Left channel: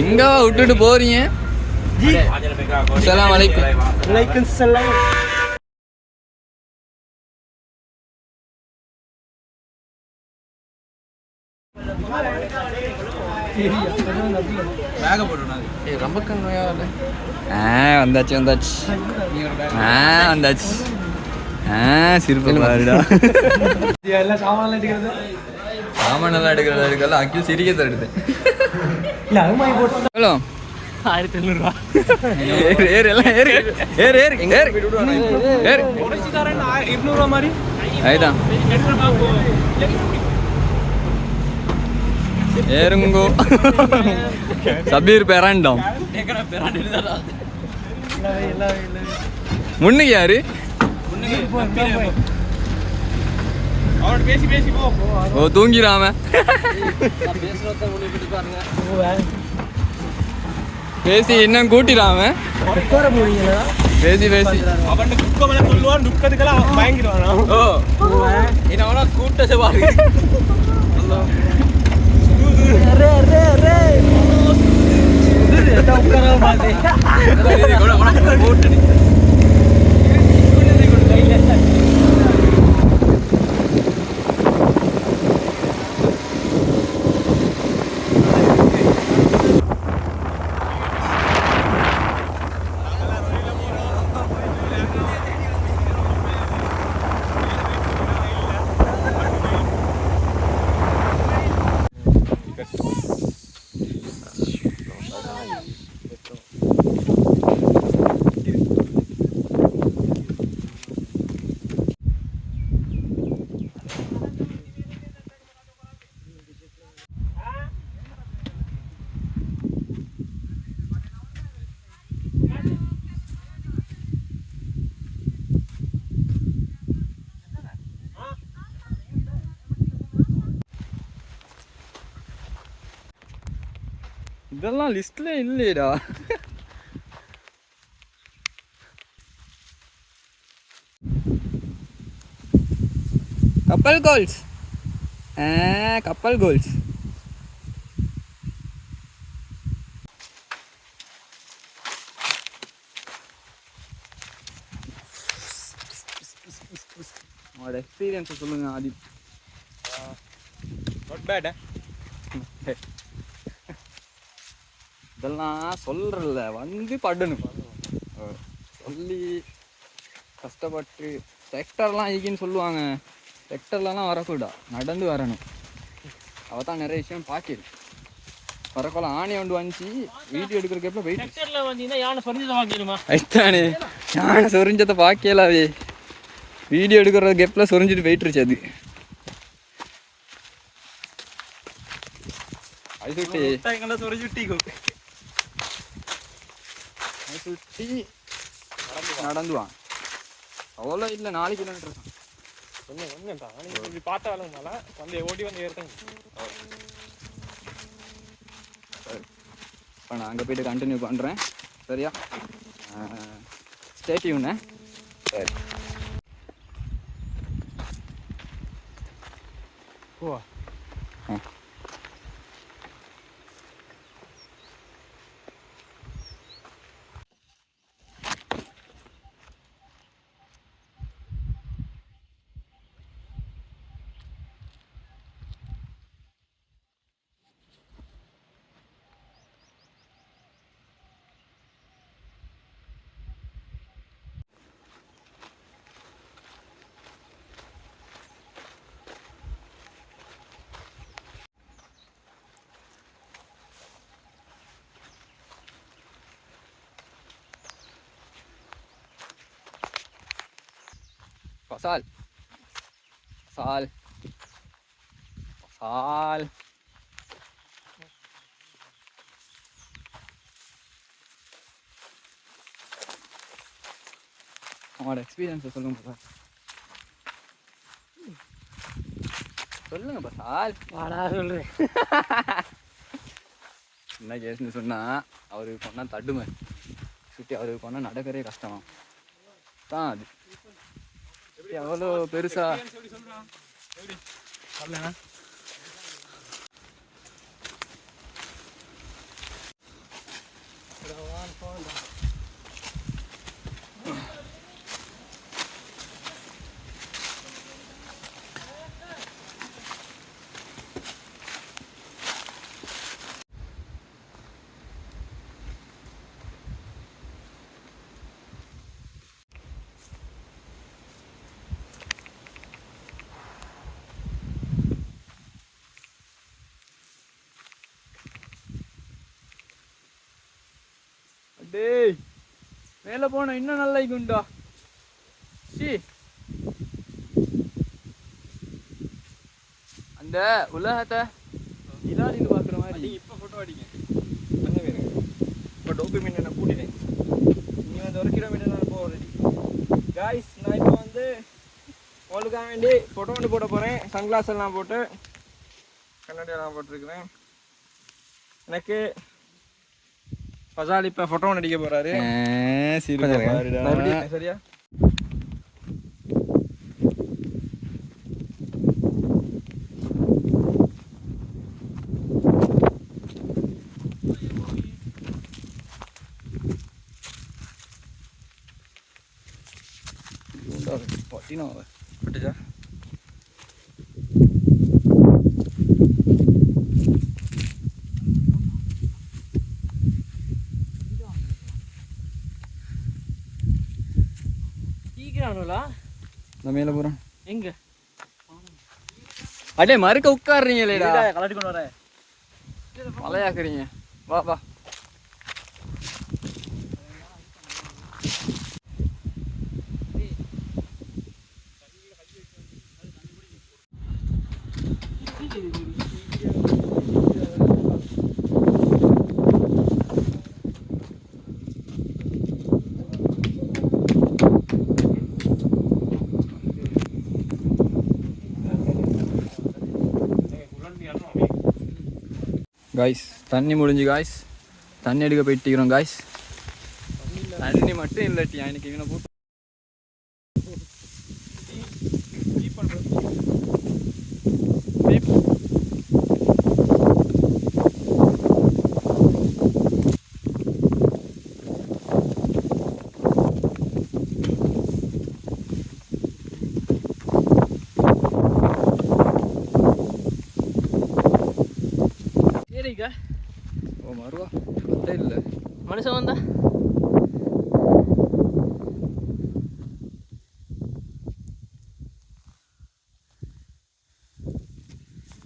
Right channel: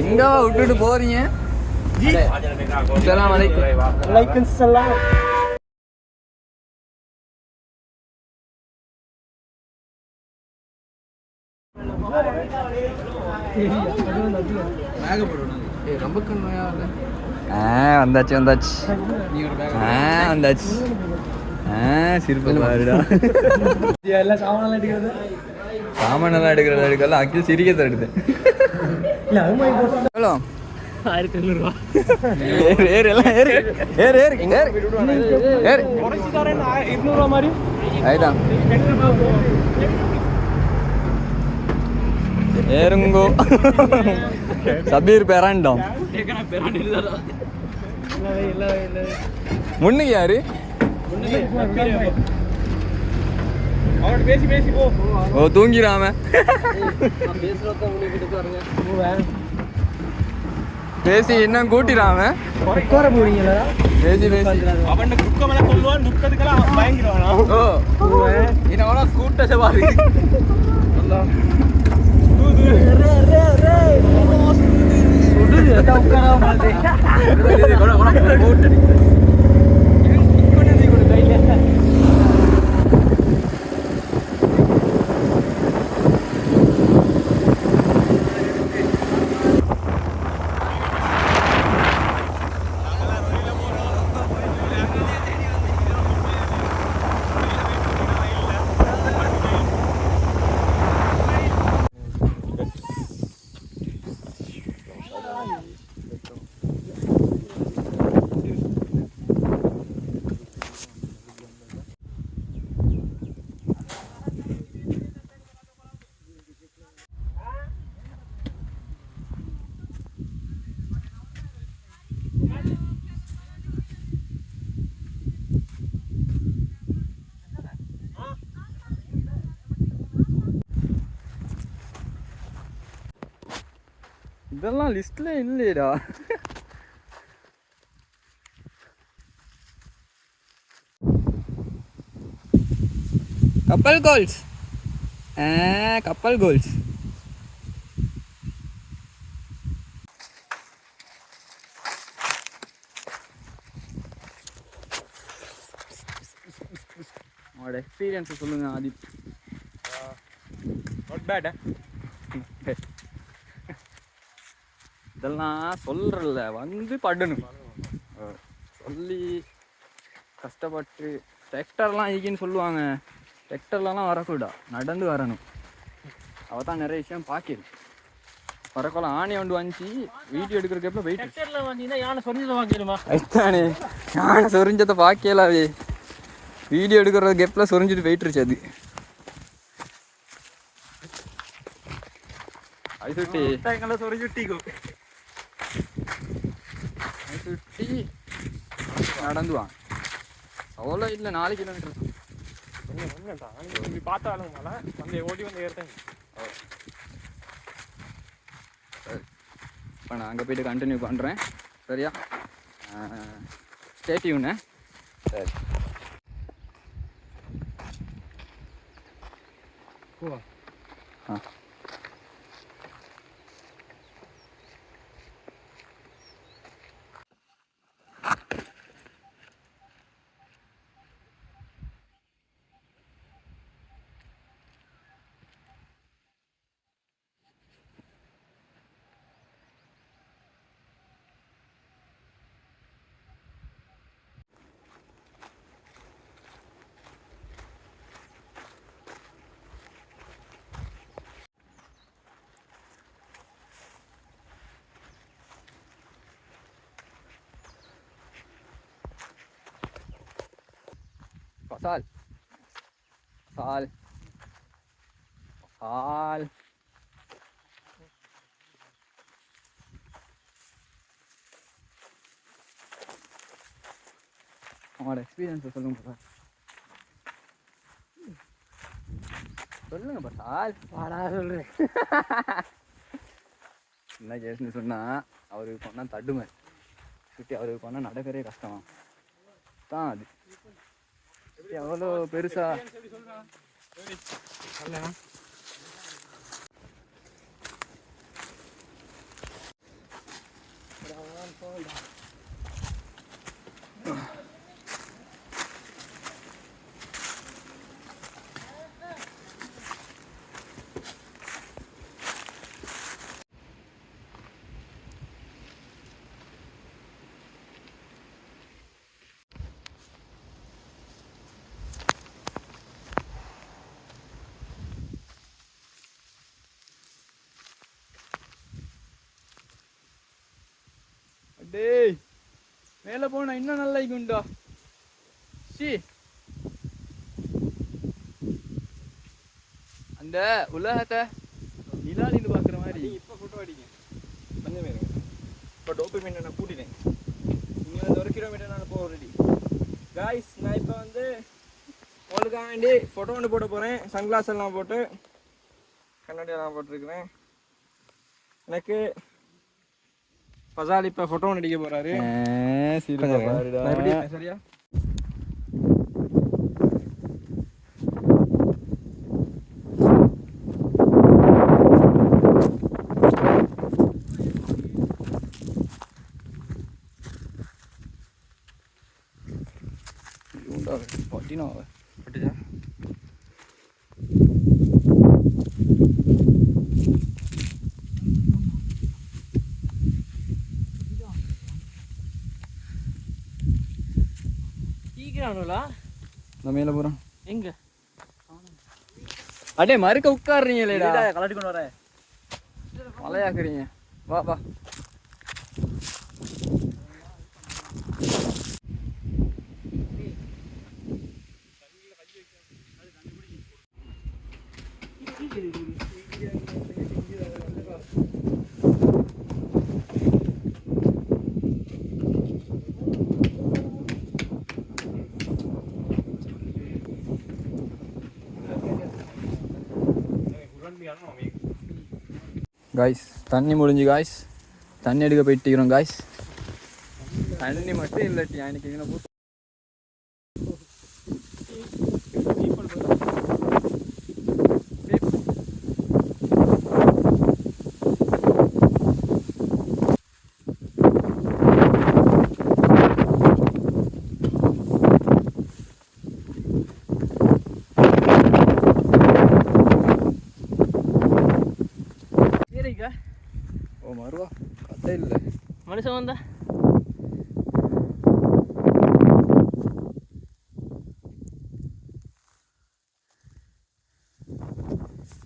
எங்க விட்டுட்டு போறீங்க? அஸ்ஸலாமு அலைக்கும். வலைக்கும் சலாம். ரொம்ப கம்மியா வந்தாச்சு வந்தாச்சு வந்தாச்சு. சிரிப்பு பாருடா. சாமானெல்லாம் எடுக்கலாம் அக்கில் சிரிக்க தருது. எவ்வளோ? 1500 மாதிரி அதுதான் ஏறுங்கோ. சபீர் பெறாண்டாம். முன்னுக்கு யாரு? ஓ தூங்கிடாம பேசி இன்னும் கூட்டிடாம பேசி பேசி அவன் துக்கமெல்லாம் சொல்லுவான். துக்கத்துக்கெல்லாம் வாங்கிடுவானா? இன்னவனா கூட்டத்தை பாரு. இதெல்லாம் லிஸ்ட்ல இல்லையடா. கப்பல் கோல்ஸ். கப்பல் கோல்ஸ். உங்களோட எக்ஸ்பீரியன்ஸை சொல்லுங்க ஆதித். Not bad. இதெல்லாம் சொல்றல வந்து படணும். சொல்லி கஷ்டப்பட்டு செக்டர்லாம் ஈகின்னு சொல்லுவாங்க. செக்டர்லாம் வரக்கூடா, நடந்து வரணும். அவ தான் நிறைய விஷயம் பார்க்கிது. வரக்கோல ஆணி ஒன்று வந்துச்சு வீடியோ எடுக்கிறதுக்கு போயிட்டு யானை சொரிஞ்சதை ஐத்தானே யானை சொரிஞ்சதை பார்க்கலாவே. வீடியோ எடுக்கிற கெப்பில் சொரிஞ்சிட்டு போயிட்டுருச்சு அது. அது சுட்டி நடந்து வாங்க. அவ்வளோ இல்லை 4 கிலோமீட்டர் தான். கொஞ்சம் கொஞ்சம் தான். இப்படி பார்த்தாலும் மழை வந்து ஓடி வந்து ஏறுறேன். சரி, இப்போ நான் அங்கே போய்ட்டு கண்டினியூ பண்ணுறேன். சரியா? Stay tune. சரி. ஓ ஆ Pasal. Pasal. Pasal. அவங்களோட எக்ஸ்பீரியன்ஸை சொல்லுங்க பாப்பா. சொல்லுங்க பசால். வாடா சொல்றேன். என்ன கேஸ்ன்னு சொன்னால் அவருக்கு போனால் தடுமை சுற்றி அவருக்கு போனால் நடக்கிறே கஷ்டம் தான். அது எவ்வளோ பெருசா டேய் மேலே போனா இன்னும் நல்லா இருக்கும்டா. சி அந்த உலகத்தை நிலாலின்னு பார்க்குற மாதிரி. இப்போ ஃபோட்டோ அடிங்க கொஞ்சம் பேருங்க. இப்போ டோபமைன் நான் கூட்டிட்டேன். நீ வந்து 1 கிலோமீட்டர் நான் போக ரெடி காய்ஸ். நான் இப்போ வந்து உங்களுக்காக வேண்டி ஃபோட்டோ ஒன்று போட போகிறேன். சன்கிளாஸ் எல்லாம் போட்டு கண்ணாடி எல்லாம் போட்டிருக்கிறேன். எனக்கு பசால் இப்போ ஃபோட்டோ ஒன்று அடிக்க போகிறாரு. சரியா பட்டினா பட்டுச்சா மேல போறோம். எங்க அடே மறுக்க உட்காடுறீங்களேடா. கலட்டி கொண்டு வரேன். மலையாக்குறீங்க. வா வா. காய்ஸ் தண்ணி முடிஞ்சு காய்ஸ். தண்ணி எடுக்க போயிட்டுக்கிறோம் காய்ஸ். தண்ணி மட்டும் இல்லாட்டி எனக்கு இவனை போட்டு ஓ மருவா கத்தை இல்லை மனுஷன் வந்தா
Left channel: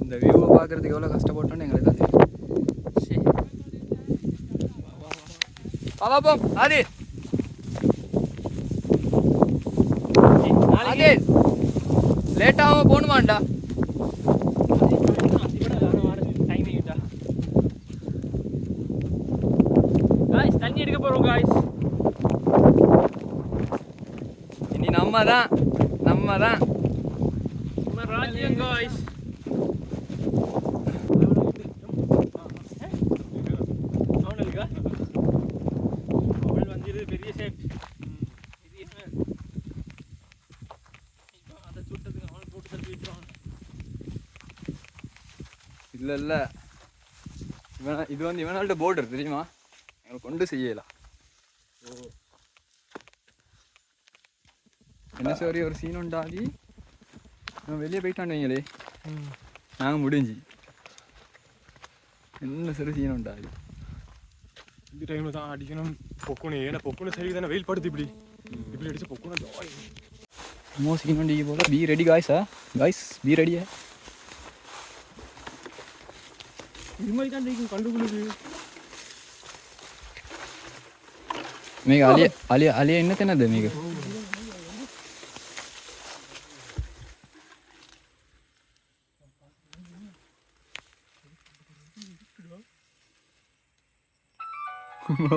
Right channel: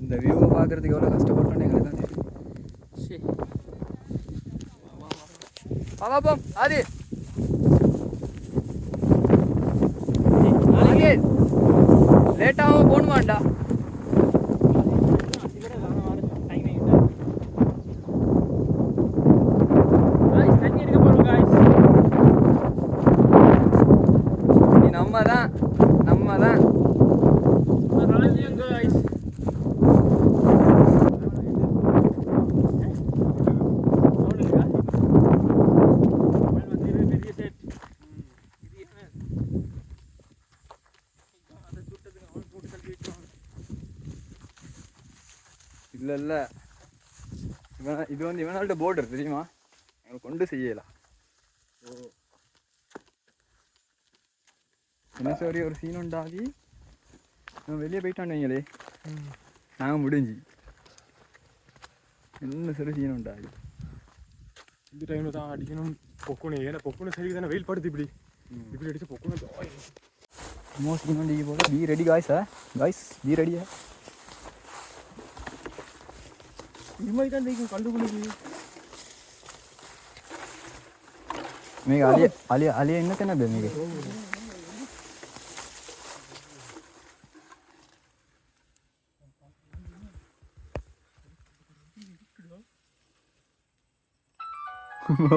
இந்த வியூவை பார்க்கறதுக்கு எவ்வளோ கஷ்டப்பட்டோன்னு எங்களுக்கு தான் தெரியும். சரி பாப்பா ஆதி ஆதி லேட்டாக போகணுமாண்டா. தண்ணி எடுக்க போறோம் காய்ஸ். நீ நம்ம தான் ராஜ்யம் காய்ஸ். இல்லை இல்லை இது வந்து இவனால்ட்ட போர்டர் தெரியுமா, எங்களை கொண்டு செய்யலாம். ஓ என்ன சரி ஒரு சீன் உண்டாதி நான் வெளியே போயிட்டான் வைங்களே, நாங்கள் முடிஞ்சு என்ன சரி சீன் உண்டாதி. இந்த டைமில் தான் அடிக்கணும் பொக்குனு. ஏன்னா பொக்குனு சரி தானே வெயில் படுது. இப்படி அடிச்சு பொக்குனு ஜாய் மோ சீன் உண்டி போல. பி ரெடி காய்ஸா காய்ஸ், பி ரெடியா. இது மாதிரி தான் இருக்கும் கண்டுக்குழுக்கு. මේක අලිය එන්න තැනද මේක?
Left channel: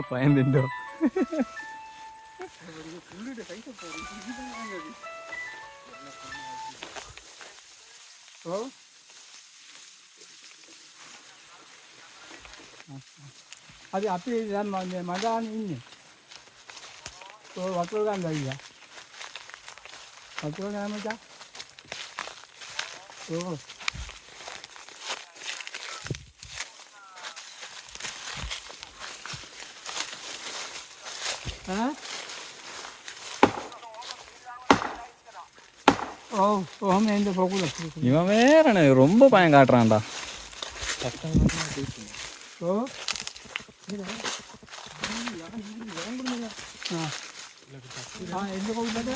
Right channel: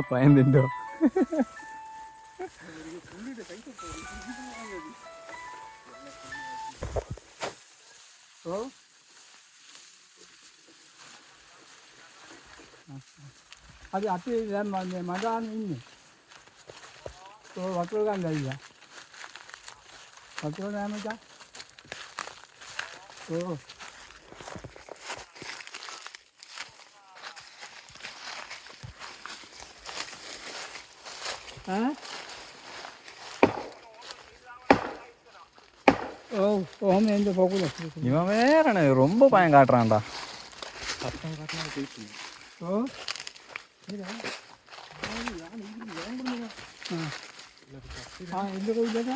පයන් දෙන්න. අද අපි දැන් මඩාන ඉන්නේ. වතුර ගන්න ඇවිල්ලා. වතුර නෑ මචං. ஓ ஓமே இந்த போகுல இவன் வேற ரொம்ப பயம் காட்டுறான்டா. ஓ இந்த போகுல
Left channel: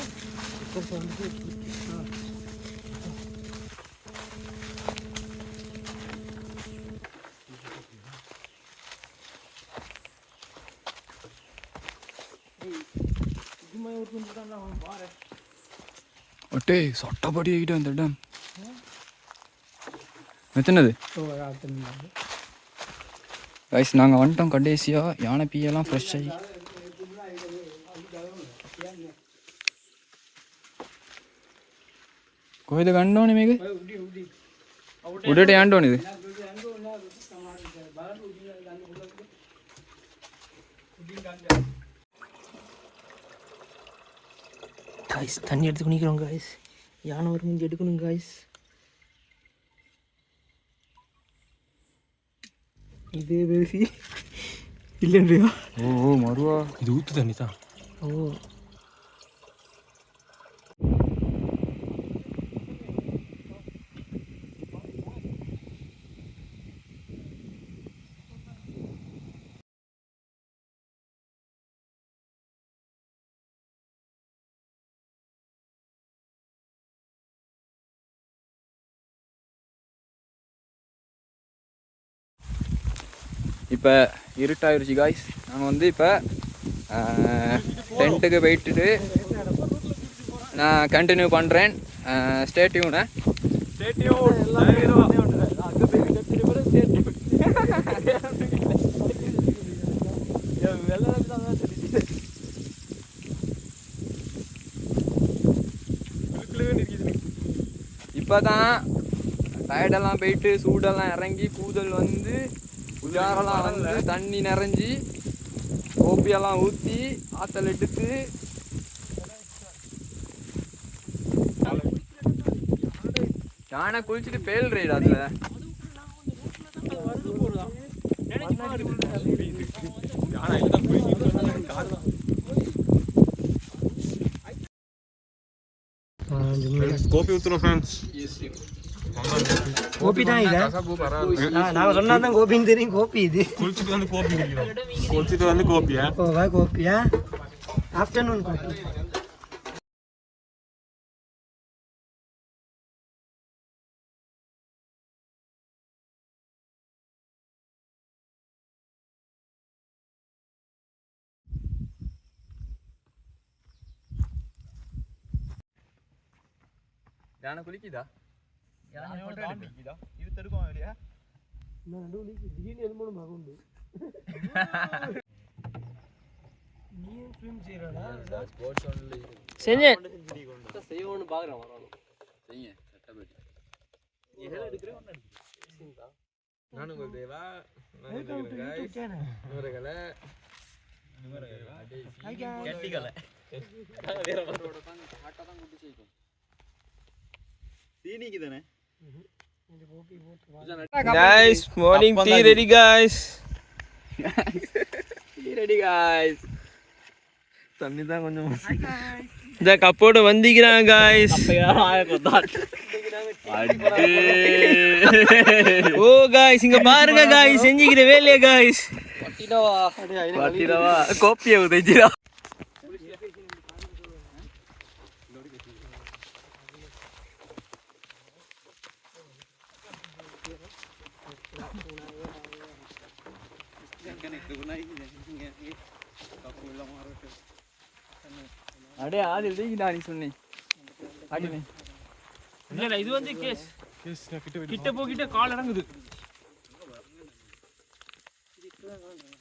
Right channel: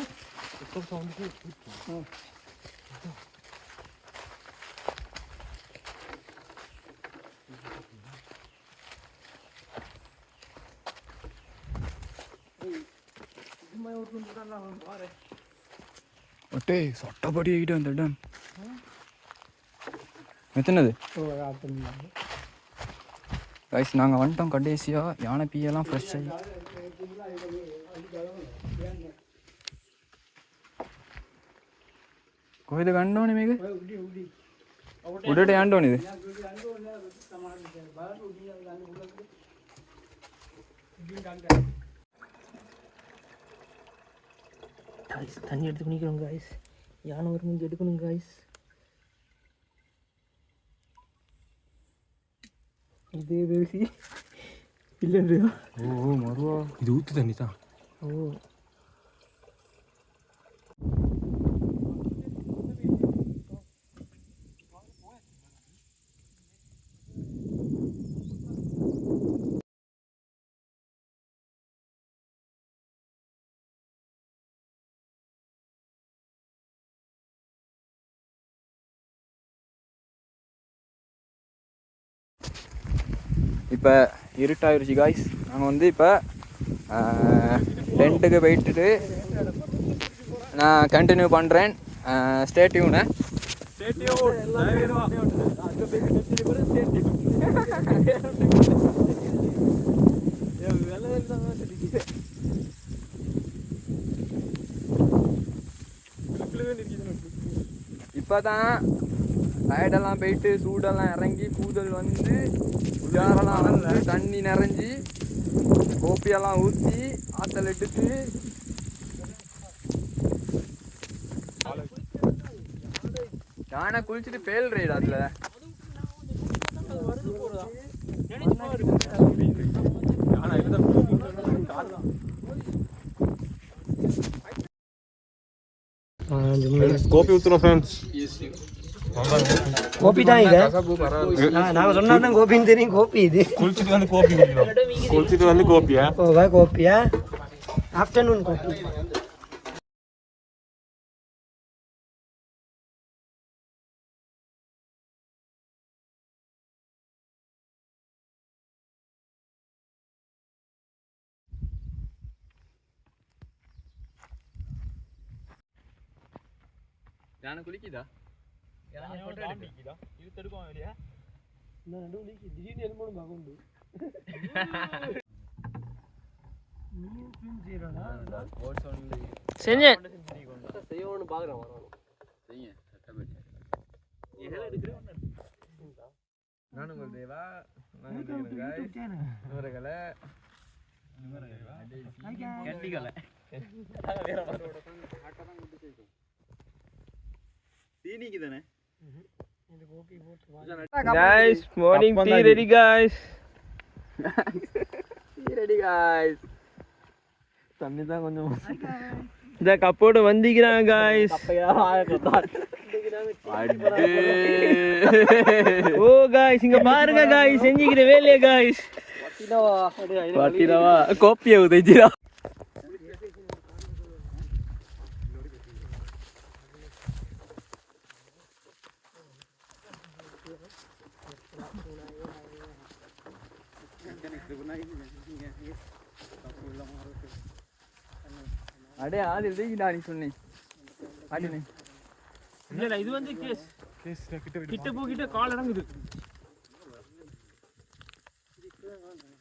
ஒட்டே சொட்டப்படி ஆகிட்டு அந்த இடம் எத்தனது கைஸ். நாங்கள் வந்துட்டோம் கடைசியாக. யானை பீயெல்லாம் ஃப்ரெஷ் ஆகி කොහෙද ගන්න ඕනේ මේක? උඩට යන්න ඕනේද? காய்ஸ் தண்ணி எடுத்து குடிக்கிறோம் காய்ஸ். யானை ஒரு மிஞ்சி எடுக்கணும் காய்ஸ். இதே பேசி இல்லையா? ஓ மறுவா இது ஊற்று தண்ணி தான். ஓ இப்போ இருட்டாயிருச்சு காய்ஸ். நாங்கள் வந்து இப்போ டென்ட்டுக்கு போயிட்டு நான் கண்டினியூ பண்ணுறேன். Stay tune. இப்போ தான் டயர்டெல்லாம் போயிட்டு சூடெல்லாம் இறங்கி கூதல் வந்து உஜாரெல்லாம் வந்து தண்ணி நிறைஞ்சி கோப்பியெல்லாம் ஊற்றி ஆற்றல் எடுத்து யானை குளிச்சுட்டு பேல் ரைடு அதில் கோபி ஊற்றுறோம் ஃப்ரெண்ட்ஸ். கோபி தான் இது. நாங்கள் சொன்னா தான் கோபின்னு தெரியும். கோபி இது. குளிச்சுட்டு வந்து கோபி குடிக்கிறோம். குளிச்சுட்டு வந்து கோபியா? ஓவா கோபியா? ஆஃப்டர்நூன் கோபி. யானை குளிக்குதா? செஞ்சேன். நானும் தேவா guys, morning tea ready guys. Ready guys. தண்ணி தான் கொஞ்சம் இந்த கப்போட வந்திக்கிறாங்க guys. ஓ guys இங்க பாருங்க guys, செஞ்சிக்கிற வேலைய guys. பட்டிடவா கோப்பியை உதைச்சிடா. அடே ஆதி உதைக்கிட்டா நீ சொன்னேன். ஆடினே இல்ல இது வந்து கேஸ் கிட்ட போகிட்ட கால் இறங்குது.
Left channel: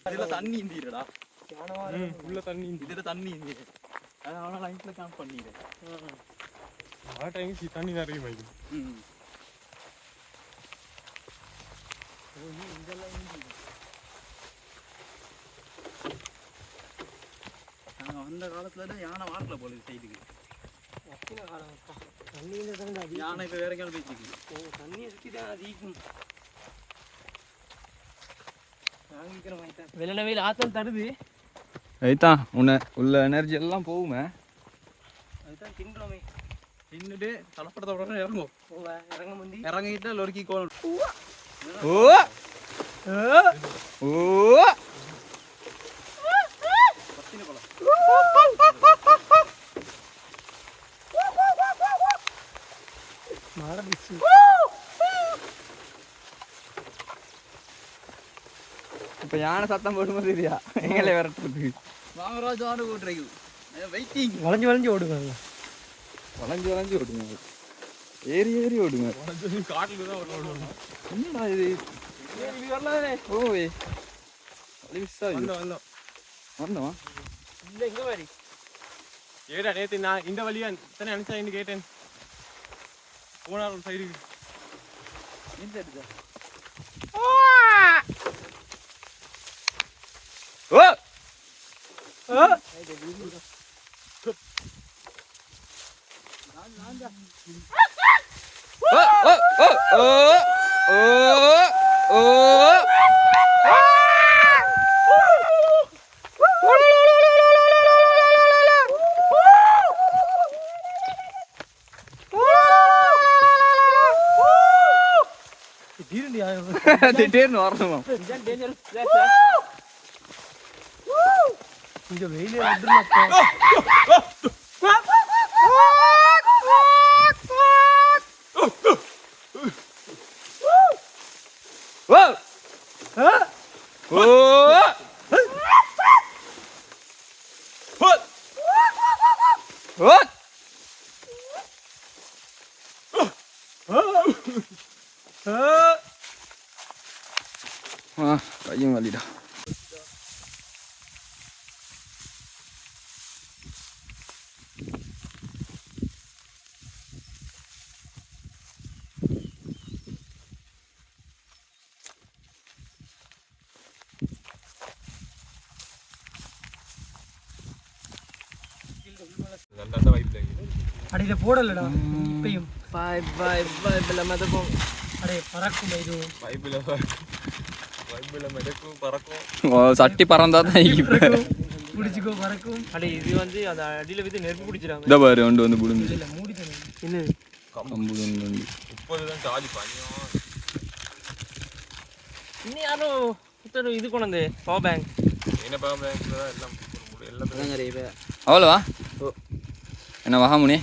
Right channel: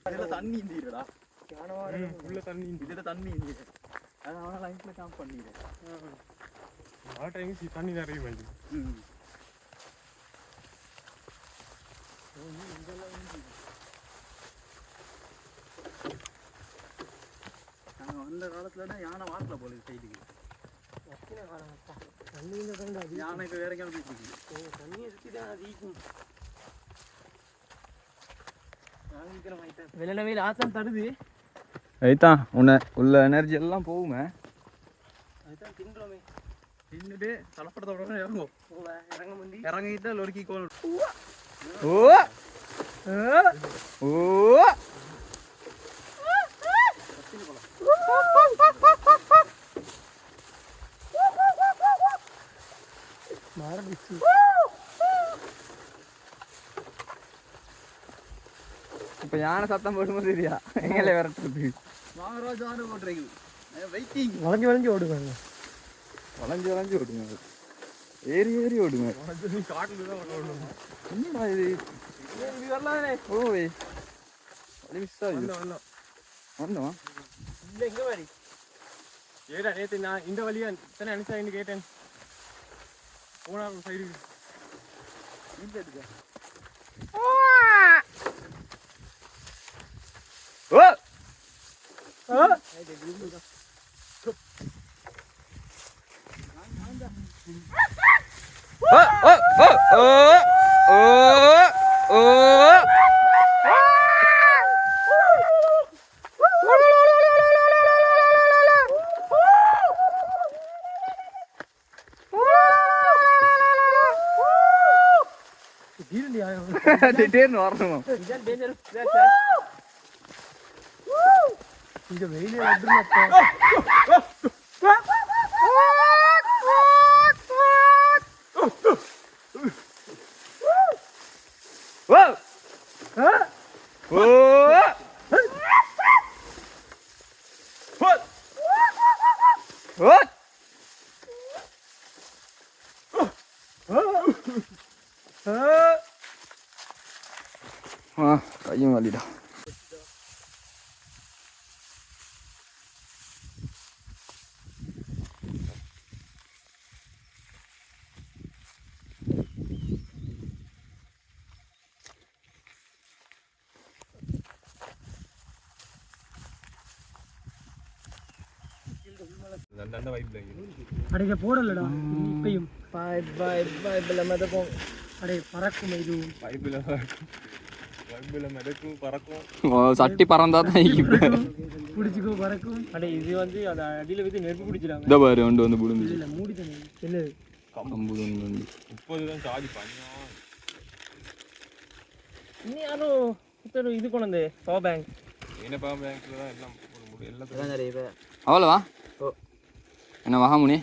இதுல தண்ணி இந்திரடா. உள்ள தண்ணி இதுல தண்ணி இந்திர. அதனால லைன்ல கேம்ப் பண்ணிடுறேன். ஆ டைம் தண்ணி நிறைய வைக்கும். ஓ நீ இதெல்லாம் நாங்க அந்த காலத்துல யானை வாரல போல இது சைடுக்கு. வத்தின காலம்ப்பா. தண்ணி இந்த தண்ணி அடி. யானை இப்ப வேற கேள் போயிட்டு. ஓ தண்ணியை சுத்தி தான் அதிகம். வெள்ளன வெயில் ஆத்தம் தடுது. அதுதான் உன்னை உள்ள எனர்ஜி எல்லாம் போகுமே. அதுதான் தின்றோமே. தின்னுட்டு தலப்படத்தோட இறங்கும். இறங்க முந்தி இறங்கிட்டு லொறுக்கி கோல். ஓ ஓ இப்போ யானை சத்தம் போடும்போது இல்லையா எங்களை விரட்டுறது. வாங்கராஜ் ஆடு ஓட்டுறீங்க வெயிட்டிங். வளைஞ்சு வளைஞ்சு ஓடுவாங்க. வளைஞ்சு வளைஞ்சு ஓடுங்க, ஏறி ஏறி ஓடுங்க. காட்டுல தான் ஓடுவாங்க. என்னடா இது? ஓய் வழி மிஸ் ஆகி வந்தோம் வந்தோம். இல்லை எங்கே மாதிரி ஏடா நேற்று நான் இந்த வழியா தானே அனுப்பிச்சாயின்னு கேட்டேன். போனார் சைடுக்கு ஓ திடீர்னு வரணுமா? இங்கே வெயிலே கையும் வலிடா. அடையில போடலடா இப்பயும். பாய் பாய் பாய் பிள்ளை மிதக்கும். அடே பறக்கும் இது. சட்டி பறந்தாதான் பிடிச்சிக்கோ பறக்கும். அடே இது வந்து அந்த அடியில் வந்து நெருப்பு பிடிச்சிடாங்க. இந்த பாரு ஒன்று வந்து பிடுங்க. இல்லை மூடி தண்ணி என்ன கம்பு வந்து 30 தான் சார்ஜ் பண்ணி. இன்னும் யாரும் புத்தர் இது கொண்டு வந்து பவர் பேங்க். என்ன பவர் பேங்க்ல தான் எல்லாம் அவ்வளோவா? என்ன வகாமுனி?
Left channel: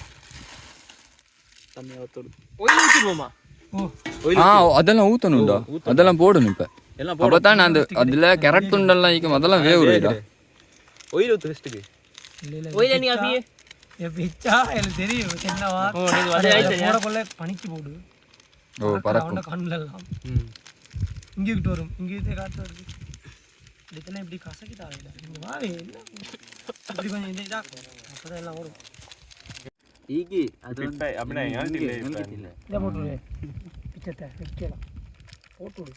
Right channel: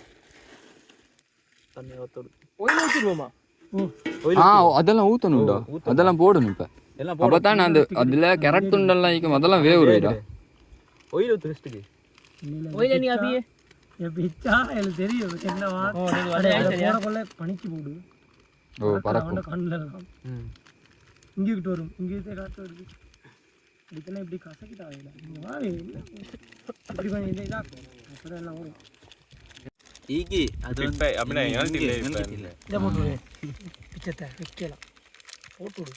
ஒயில் வச்சுருவோமா? அதெல்லாம் ஊற்றணும்டா, அதெல்லாம் போடணும். இப்போ அப்போ தான் நான் அந்த அதில் கேரட் துண்டெல்லாம் வைக்கும், அதெல்லாம் வேவுறா. ஒயில் ஊற்று ஃபஸ்ட்டுக்கு. ஒயில நீ அப்படியே பிச்சா எனக்கு தெரியும் என்னவா போடக்குள்ள பனிக்கு போடு. ஓ பறக்கும். கண்ணில் எல்லாம் இங்கே கிட்ட வரும், இங்கே காற்று வருது. இப்படித்தெல்லாம் இப்படி கசக்கி தாவையில் இப்படி கொஞ்சம் இந்த இதாக்கும் அப்புறம் எல்லாம் வரும். ஈகி அது வந்து அப்படியே இதை போட்டு பிச்சத்தை வைக்கலாம் போட்டு விடு.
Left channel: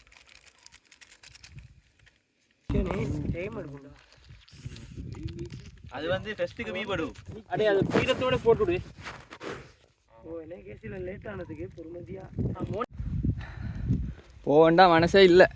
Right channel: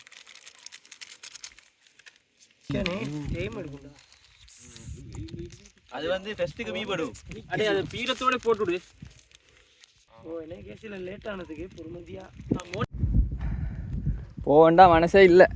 டைம் எடுக்கும்டா. அது வந்து ஃபெஸ்ட்டுக்கு மீபடும். அடே அது பீரத்தோட போட்டுவிடு. ஓ என்ன கேஸில் லேட் ஆனதுக்கு பொறுமதியா போக வேண்டாம் மனசே இல்லை.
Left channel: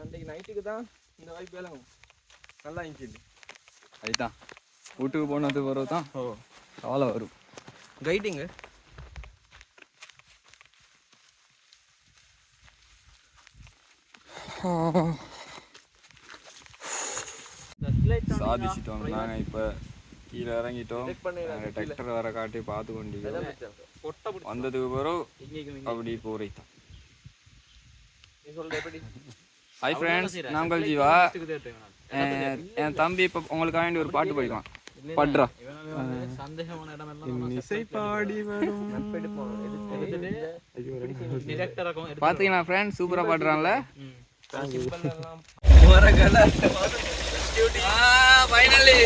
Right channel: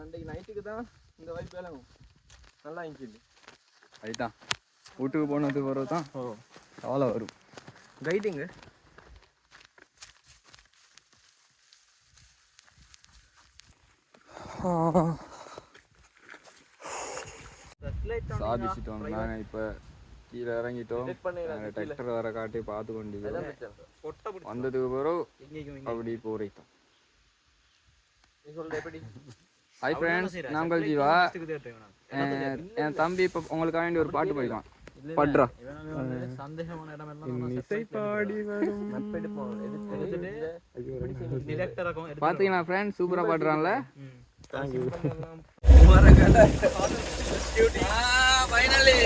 அன்றைக்கு நைட்டுக்கு தான் இந்த வைப் எல்லாம் நல்லா இருந்துச்சு. அதுதான் வீட்டுக்கு போனது பிறகு தான் கவலை வரும். கைட்டிங்க சாதிச்சிட்டோம். நாங்கள் இப்போ கீழே இறங்கிட்டோம். டிராக்டர் வர காட்டி பார்த்து கொண்டிருக்கோம். வந்ததுக்கு பிறகு அப்படி போரைத்தான். ஹாய் ஃப்ரெண்ட்ஸ், நான் உங்கள் ஜீவா. என் தம்பி இப்போ உங்களுக்காக வேண்டி ஒரு பாட்டு படிப்பான். பட்ரா சந்தேகமான இடமெல்லாம் இசை பாடி வரும். பார்த்தீங்கன்னா ஃப்ரெண்ட்ஸ் சூப்பராக பாடுறான்ல. ஃபைனலி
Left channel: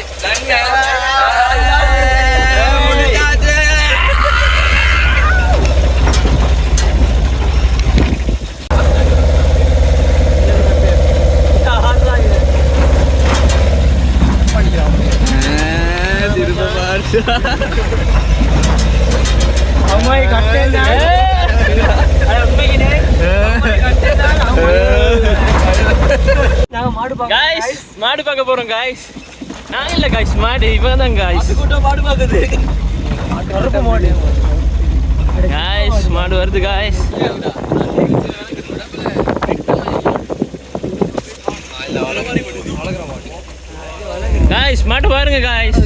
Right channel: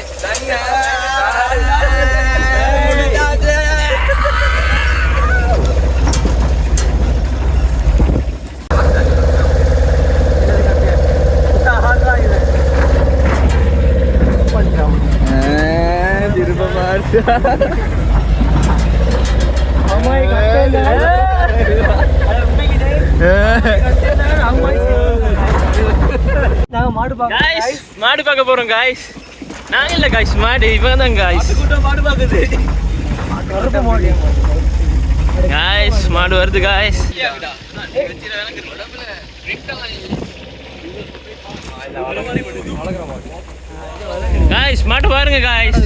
நாங்க மாடு காய்ஸ் மாடு பார்க்க போறோம் காய்ஸ். நான் இல்ல காய்ஸ், மாடு இவன் தான் காய்ஸ். மாடு பாக்குது மாடு காய்ஸ் மாடு வருது காய்ஸ். காய்ஸ் மாடு பாருங்க காய்ஸ்.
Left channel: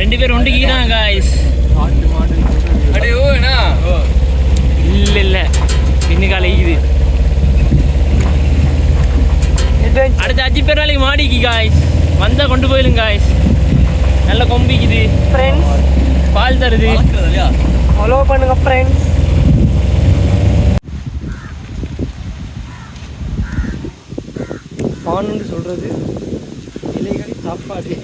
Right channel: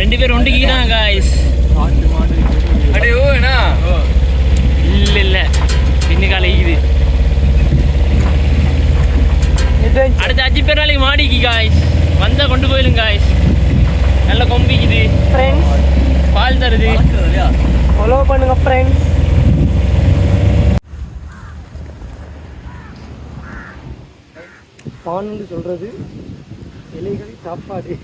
ரெண்டு பேர் ஒண்டிக்கிறாங்க காய்ஸ். இல்ல இல்ல இன்னும் காலைக்குது. அடுத்த 5 பேர் நாளைக்கு மாடிக்கு காய்ஸ். வந்தா கொண்டு போயிடும் காய்ஸ். நல்ல கொம்பிக்குது ஃப்ரெண்ட்ஸ், பால் தருது. ஃபாலோ பண்ணுங்க ஃப்ரெண்ட்ஸ். பான்னு சொல்றது இலைகள் சாப்பாடு.